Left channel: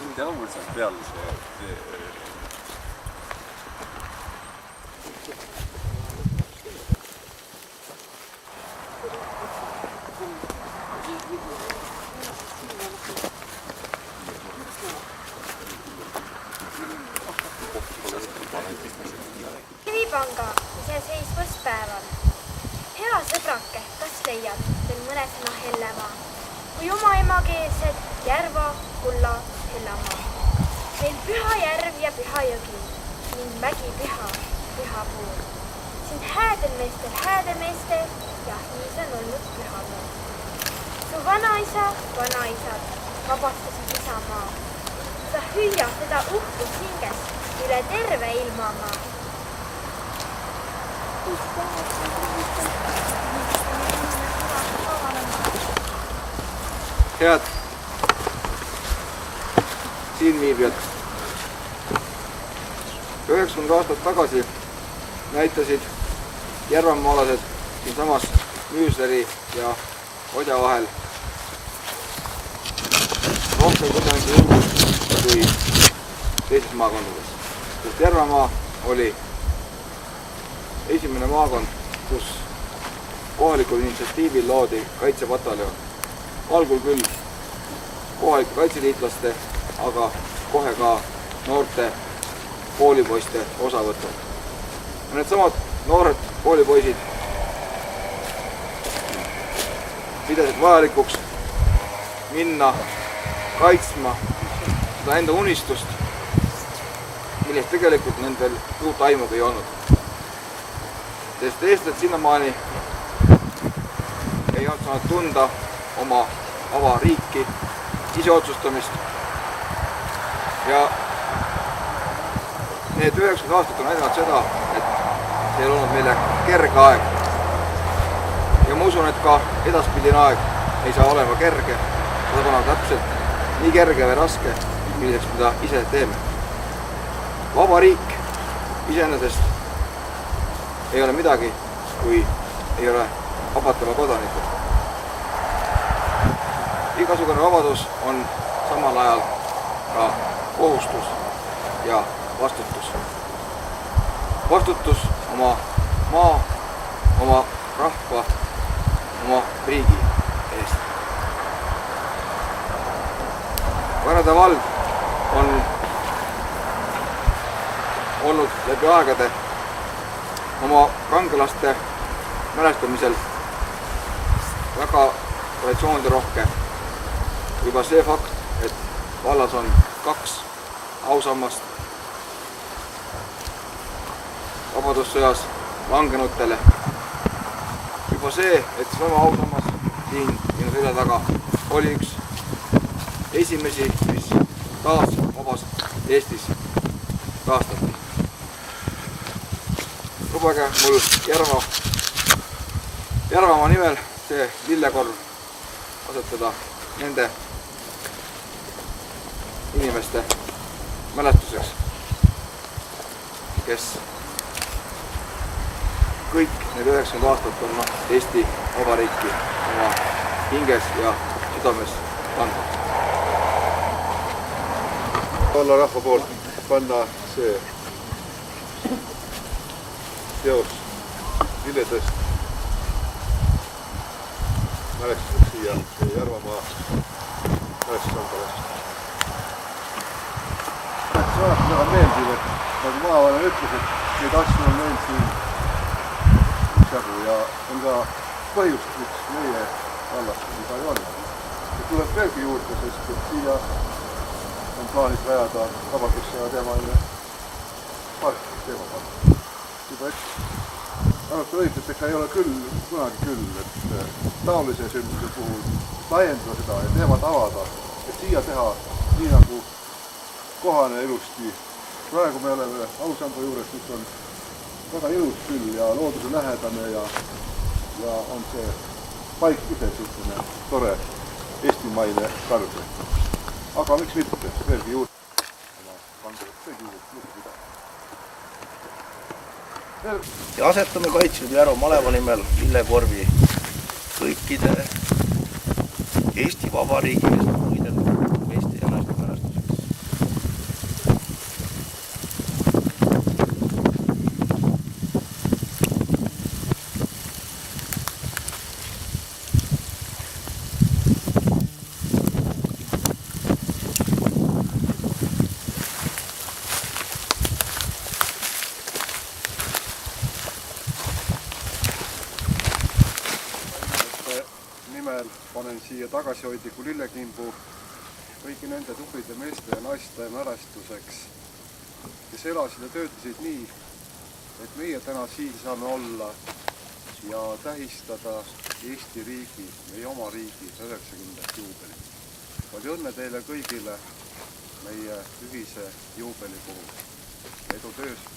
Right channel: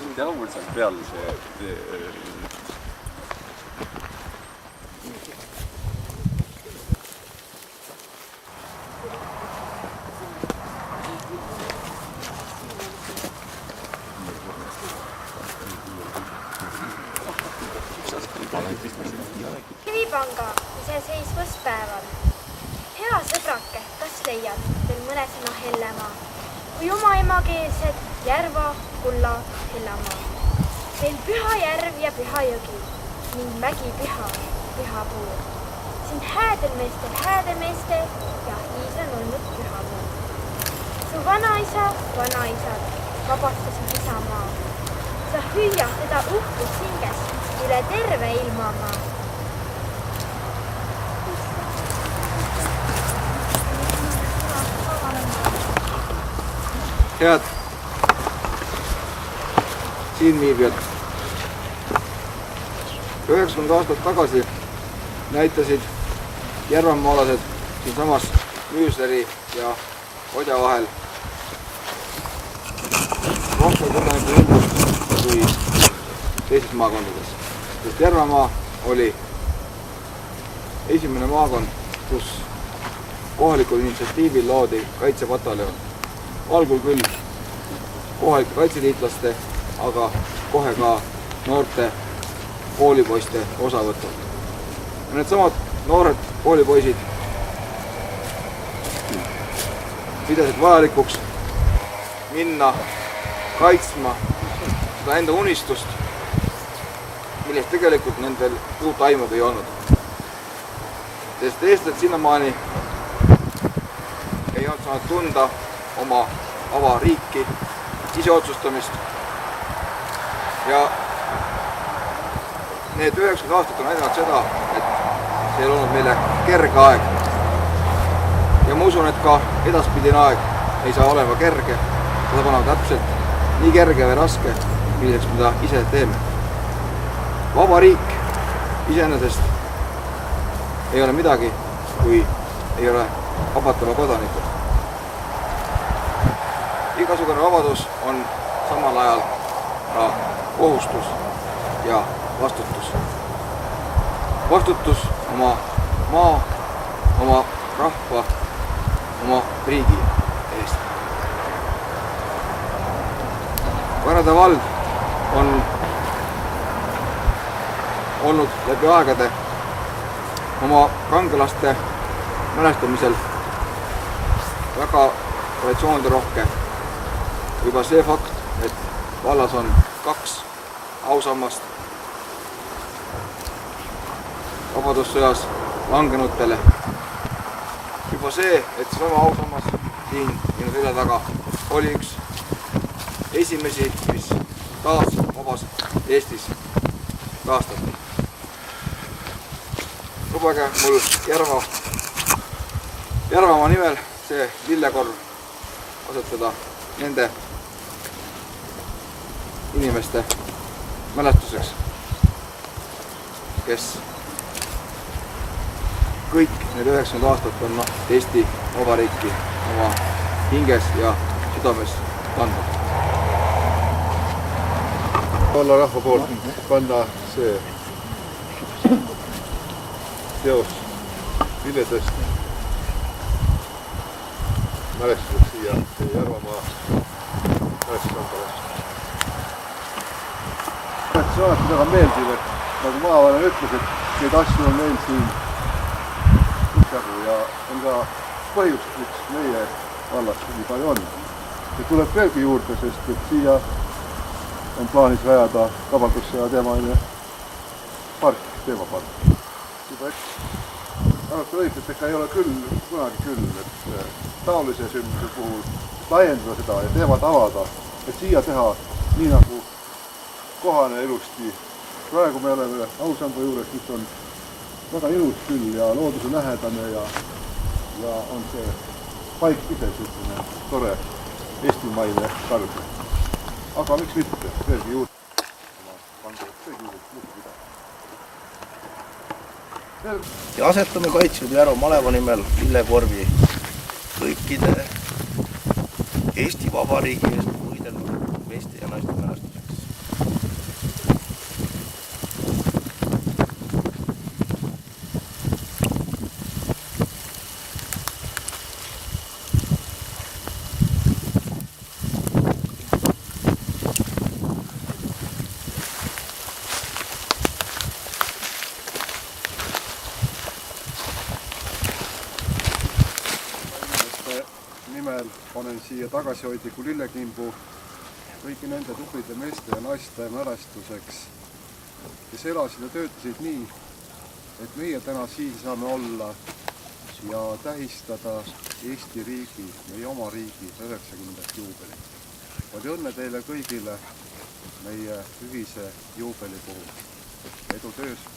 mind jaamul seal peal see... Kivipanga iseseisvuspäeval. Hea sõbrake, kas leiad veel mõne sõna Hellemaa? Kui oma emakeelsed Järva, Kulla, Hellamaa. Meil püha järv ja püha jõgi ning mägi püha, püha puu. Siin häädel meestel ja hiis on olnud püha muu. Su vanaisad vabastasid isamaa. Sa hüüa seda uhkust hinges üle terve ilmamaa. Head siinviibijad, 90 aastat tagasi näitasid järvamaalased siinsamas Müüsleri ja Odja vahel rohkem kodanike julgust kui teistes maakondades. Sest Järvamaa oli esimene maakond, kus kohalikul initsiatiivil loodi kaitsepataljon. Algul küll kohalike kaitseliitlaste, aga kohe ka noorte koolipoiste osavõtul. Ja needsamad noored koolipoisid pidasid vajalikuks minna kaitsma seda enda unistust, millest tegelikult nendel uut aimugi ei olnud. Sest eestlased sinnamaani ei olnud saanud tunda oma vaba riiki, iseotsustamist. Ja need 90 aastat on näidanud seda, et see ei olnud meile kerge aeg. Ja ma usun, et ka edaspidine aeg ei saa olema kerge. Seda saab olema täpselt nii kerge või raske, milliseks mida ise teeme. Vaba riik iseenesest ei ole midagi, kui ei ole vabatama kodanikud. Igasugune vabadus on samal ajal ka kohustus ja vastutus. Vastutus oma maa, oma rahva, oma riigi eest. Varade vald on olnud läbi aegade oma kangelaste mälestamisel väga traditsioonide rohke. Juba see fakt, et vallas on 2 ausammast vabadussõjas langenutele. Juba see, et sama ausammas siin minu selja taga oli üks esimesi, mis taas vabas Eestis taastati. Lubage mul Järvamaa nimel see lillekorv asetada nende inimeste mälestuseks, kes kõik need 90 aastat on Eesti Vabariiki oma hinges ja südames kandnud. Olla rahva poolt panna see teos lilledest mälestuseks siia Järvamaa mälestusandale. See on alati väga meeldiv, et nagu maavanem ütles, et neid asju on meil siin üksjagu ja on ka põhjust, miks meie vallas nii palju on. Ja tuleb veelgi juurde, sest et siia on plaanis rajada vabadussõja teemaline park, teemapark. Juba arvatud õigus, et ega ei ole küll, kunagi küll, et taolise sündmuse puhul laiendada seda ja teemat avada, et siia teha nii nagu kohane ilusti. Praegu me oleme ausamba juures, mis on väga ilus küll ja looduse lähedane ja on see paik ise selline tore eestimaine karge. Aga miks mitte, veelgi juurde. Ja asetame Kaitseliidu Järva maleva nimel lillekorvi kõikide Eesti Vabariigi eest võidelnud meeste ja naiste mälestuseks. Nimel panen siia tagasihoidliku lillekimbu kõigi nende tublide meeste ja naiste mälestuseks, kes elasid ja töötasid nii, et meie täna siin saame olla ja tähistada Eesti riigi, meie oma riigi 90. juubelit. Palju õnne teile kõigile meie ühise juubeli puhul. Edu töös!